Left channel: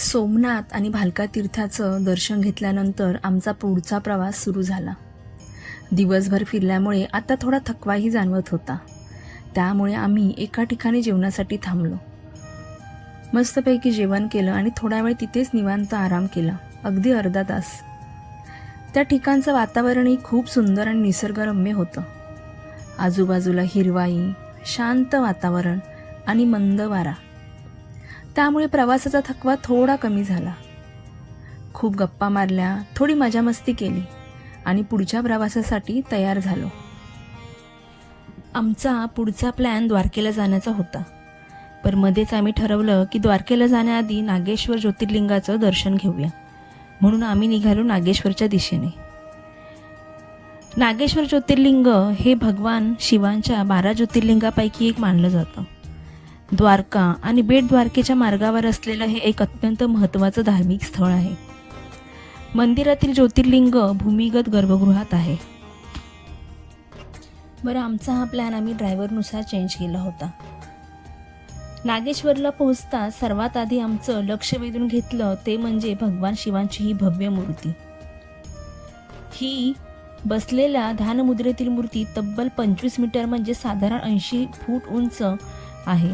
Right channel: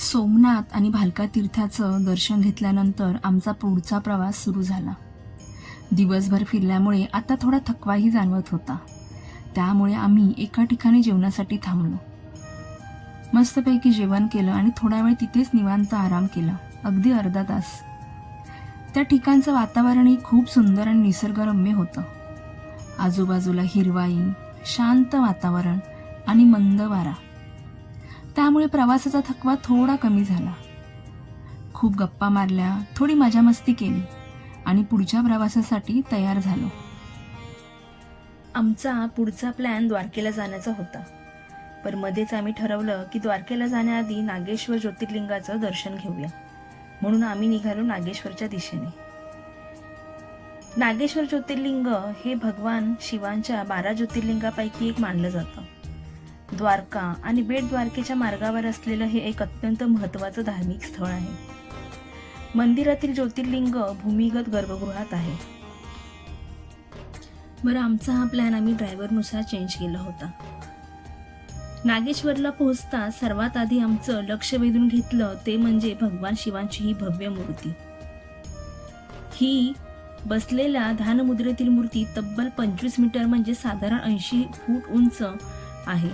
सोमनाथ आणि भालका तीर्थाचं दर्शन घेतल्यानंतर आमचा पुढचा प्रवास सुरू झाला. दिवसभर फिरल्यामुळे आता थोडा थकवाही जाणवत होता. त्यामुळे आम्ही एका ठिकाणी जेवणासाठी थांबलो. मस्तपैकी जेवण केलं आणि थोडा वेळ तिथेच निवांत आराम केला, अगदी अर्धा तास. त्या ठिकाणचं वातावरणही खूप सुंदर आणि निसर्गरम्य होतं. आजूबाजूला हिरवाई, शांत वातावरण आणि मंद वारा. त्यामुळे प्रवासाचा थकवा थोडा कमी झाला. खूप गप्पा मारल्या, थोडी मजा मस्ती केली आणि पुढच्या प्रवासासाठी तयार झालो. आमचा पुढचा प्लॅन द्वारकेला जाण्याचा होता. पण मध्येच आम्ही ठरवलं की द्वारकेला जाण्याआधी नागेश्वर ज्योतिर्लिंगाचं दर्शन घेऊया. म्हणून आम्ही निघालो नागेश्वरच्या दिशेने. नागेश्वर ज्योतिर्लिंग हे भगवान शिवांच्या 12 ज्योतिर्लिंगापैकी एक मानलं जातं. द्वारका आणि बेट द्वारकेच्या मार्गावर असलेलं हे एक अत्यंत महत्त्वाचं धार्मिक स्थळ आहे. मंदिरातील ज्योतिर्लिंग भूमिगत गर्भगृहात आहे. बरं, आमचा हा प्लॅन आम्ही ड्रायव्हरनुसार चेंज केला होता. नागेश्वरला पोहोचता सर्वात आधी आमचं लक्ष वेधून घेतलं ते म्हणजे भगवान शिवांची ही भव्य मूर्ती. ही बसलेल्या ध्यानमुद्रेतील मूर्ती तब्बल 25 मीटर म्हणजे साधारण 80 फूट उंच आहे.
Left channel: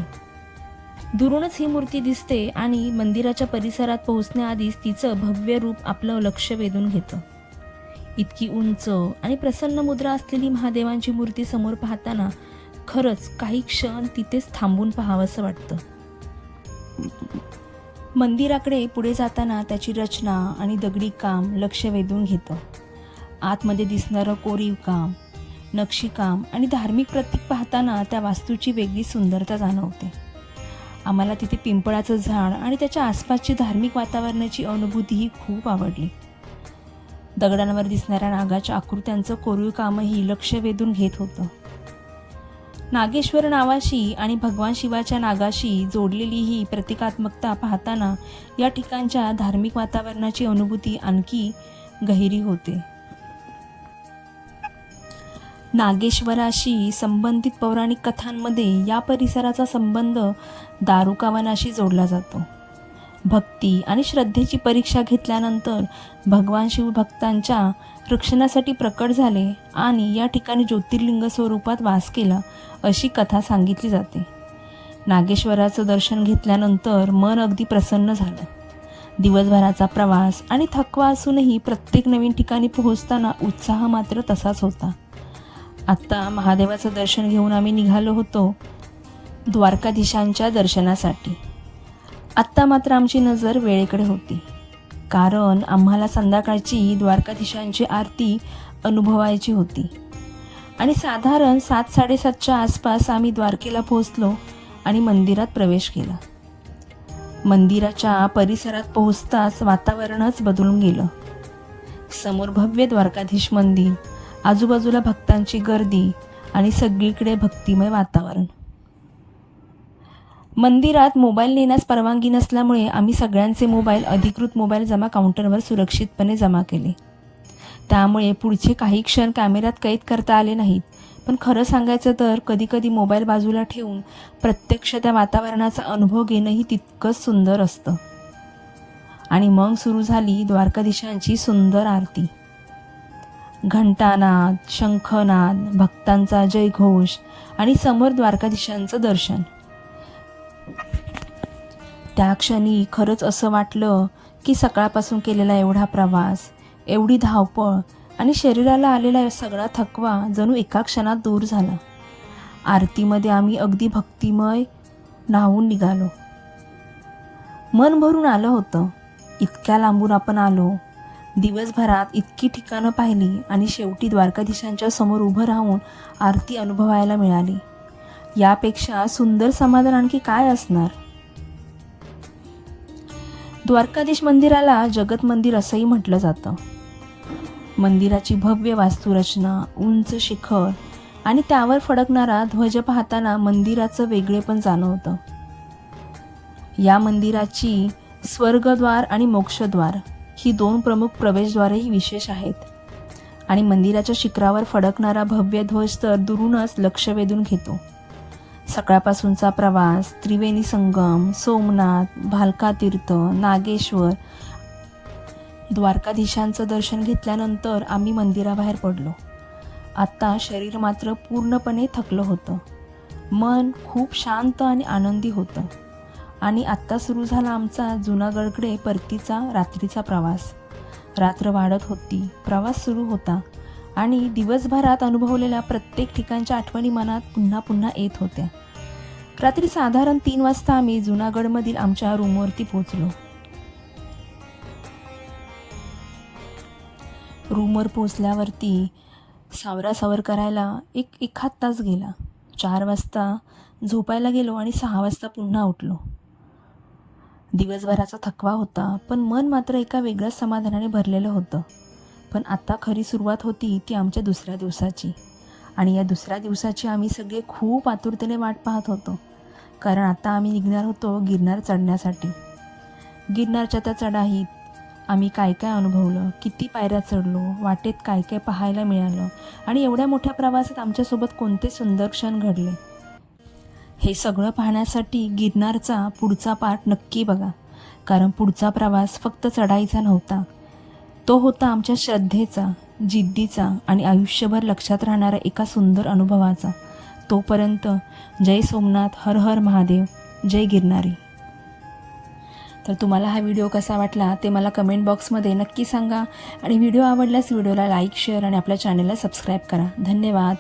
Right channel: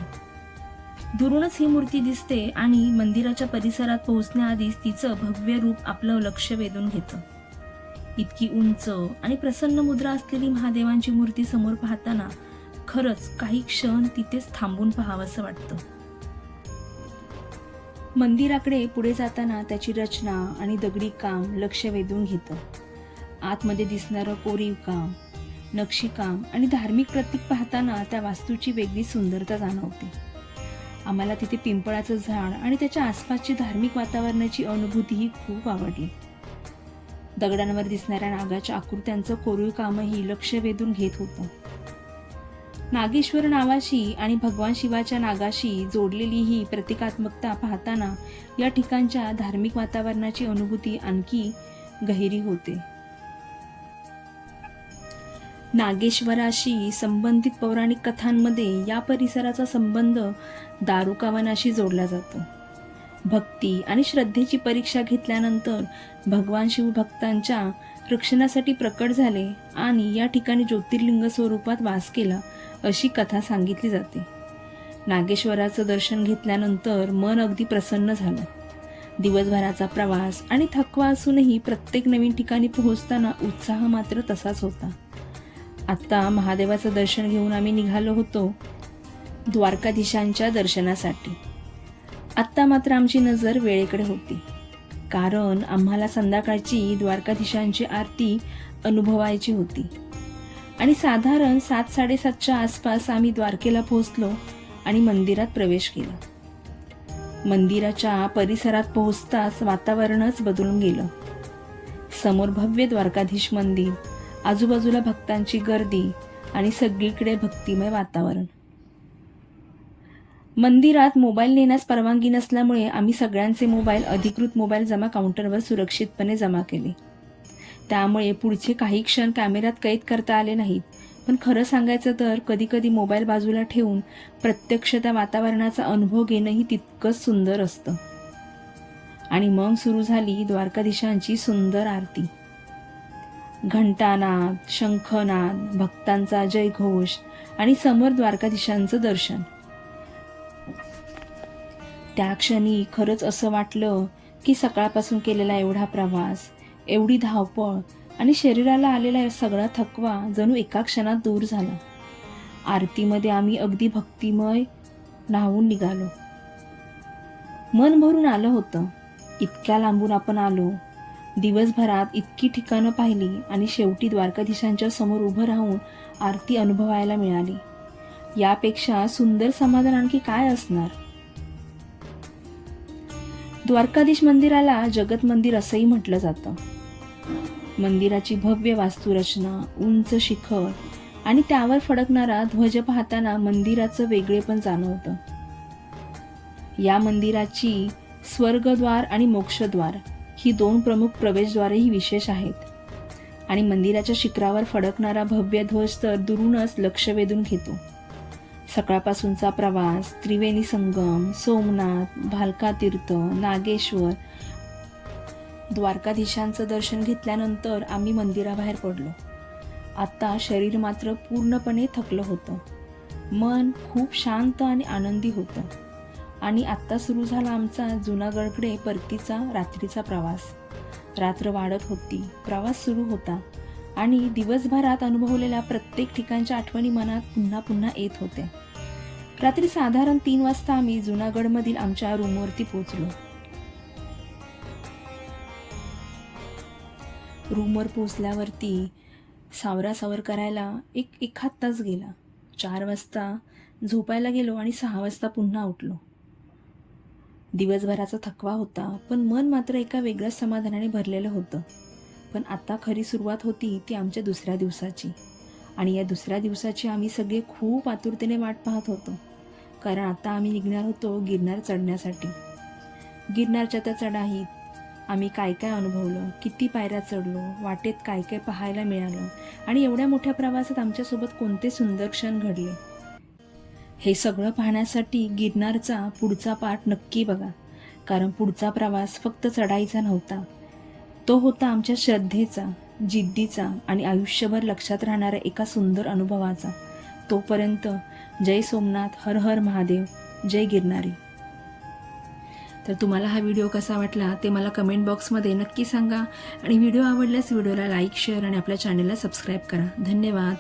दुरूनच ही मूर्ती दिसते आणि मंदिराच्या परिसरात पोहोचण्याआधीच तिचं भव्य रूप आपलं लक्ष वेधून घेतं. इतकी उंच आणि प्रसन्न मुद्रा असलेली महादेवांची मूर्ती समोर पाहताना खरंच काही क्षण तिथेच थांबून पाहावंसं वाटतं. मंदिराकडे पुढे जाताना त्याची रचना आणि दगडी काम लक्ष वेधून घेतं. आतमध्ये दिसणारं कोरीव काम, नक्षीकाम आणि धार्मिक प्रतीक पाहताना त्या वास्तूची वेगळी सुंदरता जाणवते. आम्हाला तिथे पिंपळाचं झाड आणि त्याच्या आसपासची धार्मिक वातावरणाची अनुभूतीही खूप आवडली. दगडांवर दिसणाऱ्या नागाच्या आकृत्यांचं कोरीव कामही लक्ष वेधून घेत होतं. नागेश्वर नावाशी आणि भगवान शिवाच्या नागाशी जोडलेली ही प्रतिकात्मकता पाहताना या ठिकाणच्या धार्मिक वातावरणाची अनुभूती आणखी गहिरी होते. नागेश्वराशी संबंधित पौराणिक कथांमध्ये या परिसराचा संबंध दारुकावनाशी जोडला जातो. भक्ती आणि श्रद्धेची परीक्षा घेतल्यानंतर भगवान शिव भक्तांच्या रक्षणासाठी प्रकट झाले आणि या ठिकाणी ज्योतिर्लिंग स्वरूपात वास केला, अशी कथा सांगितली जाते. नागेश्वराचं दर्शन घेतल्यानंतर मन अगदी प्रसन्न झालं. दिवसभराचा प्रवास आणि थकवा असूनही प्रत्येक नवीन ठिकाणी पोहोचताना उत्साह मात्र तसाच होता. आत्ता महादेवाचं दर्शन घेऊन आम्ही निघालो होतो द्वारकाधीशांच्या दर्शनासाठी. आत्ता मात्र आमची नजर वेळेकडे होती, कारण आम्हाला संध्याकाळची द्वारकाधीशांची आरती अनुभवायची होती. आणि साधारण 7-7:30च्या आसपास आम्ही द्वारकेला पोहोचलो आणि मंदिरात प्रवेश केला. मंदिराच्या परिसरात पोहोचताच वातावरणच बदलून गेलं. समोर भव्य द्वारकाधीश मंदिर, आजूबाजूला भक्तांची गर्दी आणि सगळीकडे भक्तिमय वातावरण. मंदिरात मोबाईल नेण्यास परवानगी नसल्यामुळे आम्ही सगळ्यांचे मोबाईल अधिकृत मोबाईल जमा काउंटरवर सुरक्षितपणे जमा केले. त्यामुळे पुढचे काही क्षण कॅमेऱ्यात कैद करता आले नाहीत. पण खरं सांगायचं तर कधीकधी मोबाईल बाजूला ठेवून प्रत्यक्ष त्या वातावरणाचा अनुभव घेणंही तितकंच सुंदर असतं. आणि मग सुरू झाली द्वारकाधीशांची सुंदर आरती. घंटानाद, शंखनाद, भक्तांचा जयघोष आणि समोर द्वारकाधीशांचं दर्शन. त्या क्षणी खरंच असं वाटलं की सकाळपासून केलेला एवढा प्रवास, एवढी धावपळ आणि शरीराला आलेला सगळा थकवा जणू एका क्षणात दूर झाला. आरतीमध्ये आम्ही अगदी भक्तिमय न्हावून निघालो. मन भरून आलं होतं. इतक्या लांबून आपण आलो, दिवसभरात इतकी ठिकाणं पाहिली आणि शेवटी द्वारकाधीशांच्या समोर उभं राहून आरती अनुभवायला मिळाली. यापेक्षा सुंदर समाधान आणखी काय असणार. द्वारकाधीश मंदिराला जगत मंदिर असंही म्हटलं जातं. मंदिराची भव्य वास्तुरचना, उंच शिखर आणि त्यावर फडकणारा ध्वज पाहताना मंदिराचं वेगळेपण जाणवतं. या मंदिराची स्वर्गद्वार आणि मोक्षद्वार ही 2 प्रमुख प्रवेशद्वारेही विशेष आहेत. आणि मंदिराच्या शिखरावर फडकणारा भव्य ध्वज तर दुरूनच लक्ष वेधून घेतो. सकाळपासूनचा प्रवास, त्रिवेणी संगम, सोमनाथ, भालका तीर्थ, नागेश्वर, द्वारकाधीशांचं दर्शन घेतल्यानंतर आम्ही मंदिराबाहेर पडलो. आत्ता शरीर मात्र पूर्णपणे थकलं होतं. मन खूप शांत आणि आनंदी होतं. आणि आत्ता सुरू झाला आमचा जुनागडकडे परतीचा रात्रीचा प्रवास. रात्र वाढत होती, प्रवास सुरू होता आणि दिवसभरात अनुभवलेल्या प्रत्येक ठिकाणच्या आठवणी मनात पुन्हा पुन्हा येत होत्या. रात्री साधारण 3 वाजता आम्ही जुनागडमधील आमच्या रूमवरती पोहोचलो. रूमवर पोचल्यावरती सावरासावर करायला एखाद तास गेला. 4 वाजता झोपायला गेलो आणि 6 वाजता पुन्हा उठलो. दिवसभराचा थकवा होता, पण मन मात्र एका वेगळ्याच समाधानाने भरलेलं होतं. पण आता खरी सुरुवात होती ती आमच्या दुसऱ्या दिवसाची. आणि या दुसऱ्या दिवसाची आम्ही सगळे खूप आतुरतेने वाट पाहत होतो. कारण आता आम्ही निघणार होतो गिरनार चढण्यासाठी. गिरनारच्या त्या चढाईत आम्ही काय काय अनुभवलं, किती पायऱ्या चढलो, वाटेत काय काय पाहायला मिळालं आणि एवढ्या मोठ्या प्रवासात आमच्यासोबत कोणते सुंदर क्षण घडले, हे सगळं पाहण्यासाठी गिरनारचा पुढचा पार्ट नक्की बघा. कारण पुढचा प्रवास फक्त चढाईचा नव्हता, तो होता आमच्या श्रद्धेचा, जिद्दीचा आणि आयुष्यभर लक्षात राहणाऱ्या एका सुंदर अनुभवाचा. तोपर्यंत जय सोमनाथ, हर हर महादेव, जय गिरनारी. तर तुम्हाला हा व्हिडिओ कसा वाटला ते मला कमेंट बॉक्समध्ये नक्की सांगा. आणि व्हिडिओ आवडल्यास व्हिडिओला लाईक, शेअर आणि आपल्या चॅनलला सबस्क्राईब करा. धन्यवाद.